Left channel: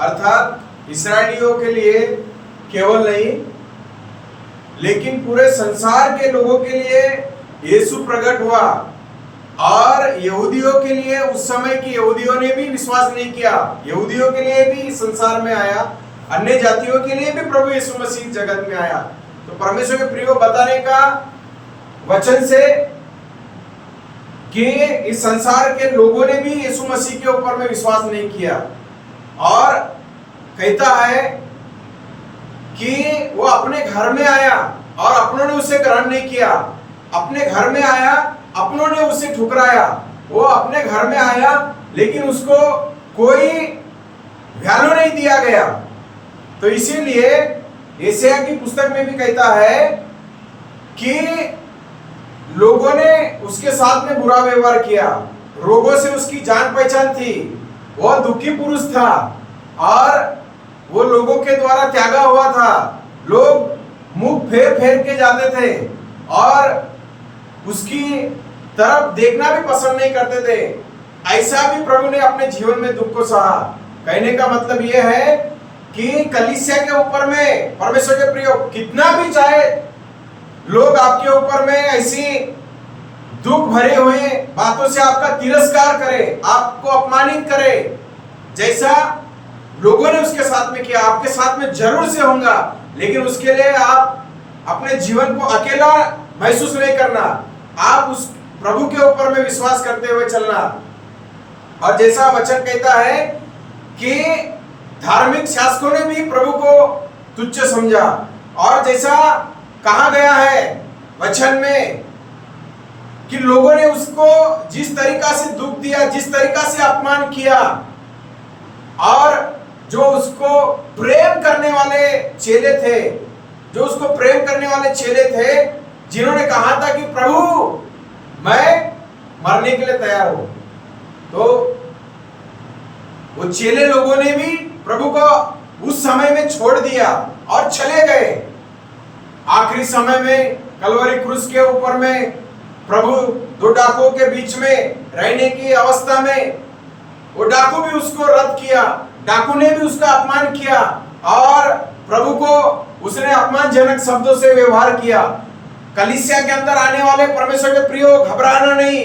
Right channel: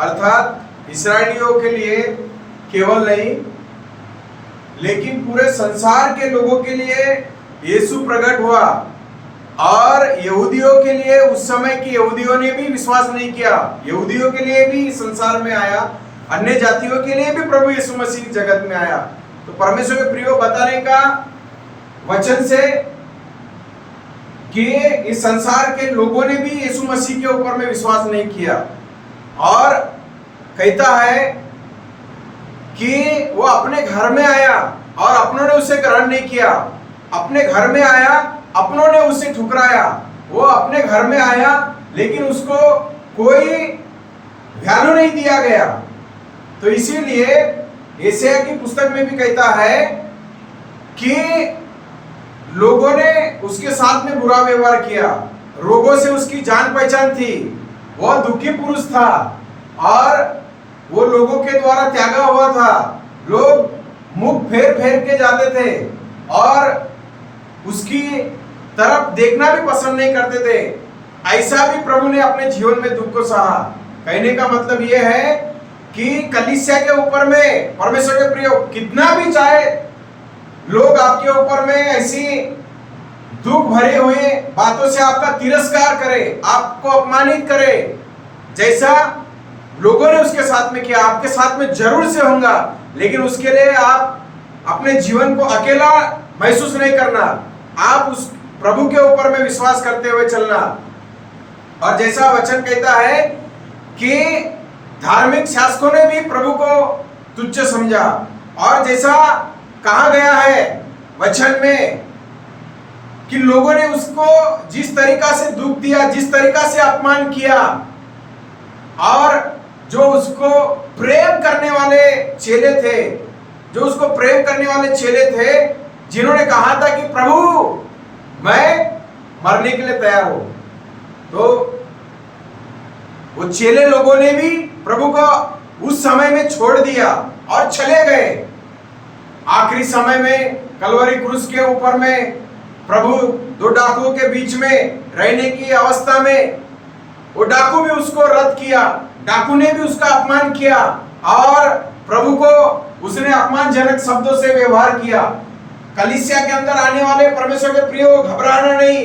अर्थात इस्राएलियों के लिए केवल नहीं, लेकिन पूरे संसार के लोगों के लिए यीशु प्रकट हुआ। और यहूदियों के लिए, उस समय की यहूदियों ने भी विश्वास नहीं किया, यहूदियों के लिए भी संसार में आया, अन्य जातियों के लिए भी प्रभु यीशु मसीह जगत में आया। तो परमेश्वर के प्रियो बताने का वचन से कि इस संसार के लोगों ने भी यीशु मसीह के ऊपर में विश्वास नहीं किया, और कहता है कि वो अपने घर में आया और अपनों ने उसे ग्रहण नहीं किया। अपने घर में आया, अपनों ने उसे ठुकराया। वो अपने घर में आया लेकिन उसको कोई वैल्यू नहीं दिया गया। तो इसीलिए यशायाह की पुस्तक में भी कहता है कि लोगों ने उसके साथ में बुरा व्यवहार किया, रोगों से उसकी जान पहचान थी, वह दुखी पुरुष था और वो लोगों के द्वारा त्यागा हुआ था। लोग मुख फेर फेर के जाते थे और उसकी तरफ देखना भी पसंद नहीं करते थे। ऐसा भी प्रभु ने अपने जीवन में दुख को सहा। कहने का मतलब यह है कि कलीसिया के ऊपर में परमेश्वर के प्रिय कितना भी चाहे लोग आपके ऊपर में ऐसी दुख भरे हुए बातों से आपका तिरस्कार करे, आपको अपमानित करे, जैसा लोगों ने उसके साथ में किया, आपके साथ में जरूर से होगा। लेकिन उसके लिए आप अपने जीवन को अकेला महसूस नहीं करना, आप उस प्रभु के ऊपर में विश्वास करते हुए चलना। और जैसा वचन कहता है कि धार्मिक शासकों ने भी प्रभु को तुच्छ समझा, और जैसा कहा गया है वचन में कि लोगों ने उसको जिस तरीका से दुख दिया, जिस तरीका से अपमान किया, और जो उसको प्रेम करने वाले चेले थे, जो उसको प्रेम करने वाले चेले थे, जिन्होंने कहा था कि प्रभु मैं मरने के लिए तैयार हूं, तो वो चेले लोगों ने भी प्रभु को उस समय में छोड़ दिया और चले गए। आखिरी समय में कलवरी क्रूस के ऊपर में प्रभु दो डाकुओं के बीच में रहने की अवस्था में वो डाकू भी उसको रद्द किया, डाकू ने भी उसका अपमान किया और प्रभु को उसने अपमानजनक शब्दों से व्यवहार किया। कलीसिया के अंदर आने वाले परमेश्वर के प्रियो, घबराना नहीं,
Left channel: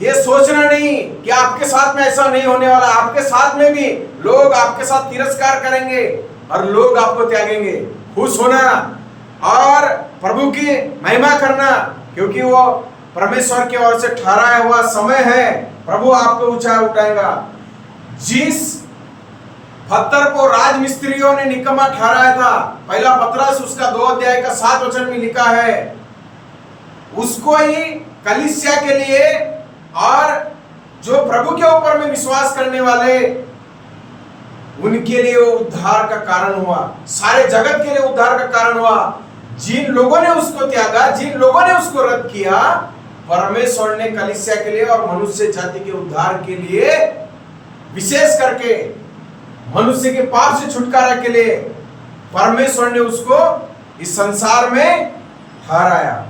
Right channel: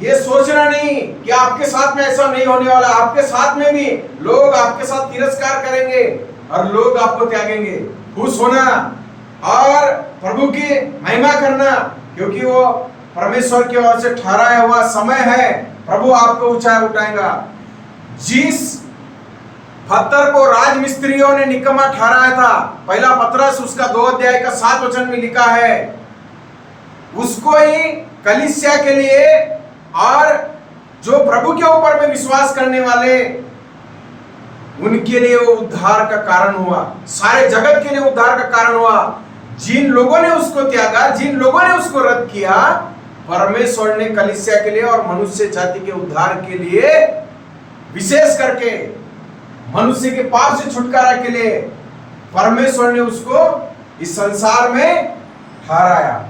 ये सोचना नहीं कि आपके साथ में ऐसा नहीं होने वाला। आपके साथ में भी लोग आपके साथ तिरस्कार करेंगे और लोग आपको त्यागेंगे। खुश होना और प्रभु की महिमा करना, क्योंकि वो परमेश्वर की ओर से ठहराया हुआ समय है। प्रभु आपको ऊंचाई उठाएगा। जिस पत्थर को राजमिस्त्रियों ने निकम्मा ठहराया था, पहला पतरस उसका 2 अध्याय का 7 वचन में लिखा है, उसको ही कलीसिया के लिए और जो प्रभु के ऊपर में विश्वास करने वाले उनके लिए वो उद्धार का कारण हुआ, सारे जगत के लिए उद्धार का कारण हुआ। जिन लोगों ने उसको त्यागा, जिन लोगों ने उसको रद्द किया, परमेश्वर ने कलीसिया के लिए और मनुष्य जाति के उद्धार के लिए, विशेष करके मनुष्य के पाप से छुटकारा के लिए परमेश्वर ने उसको इस संसार में ठहराया।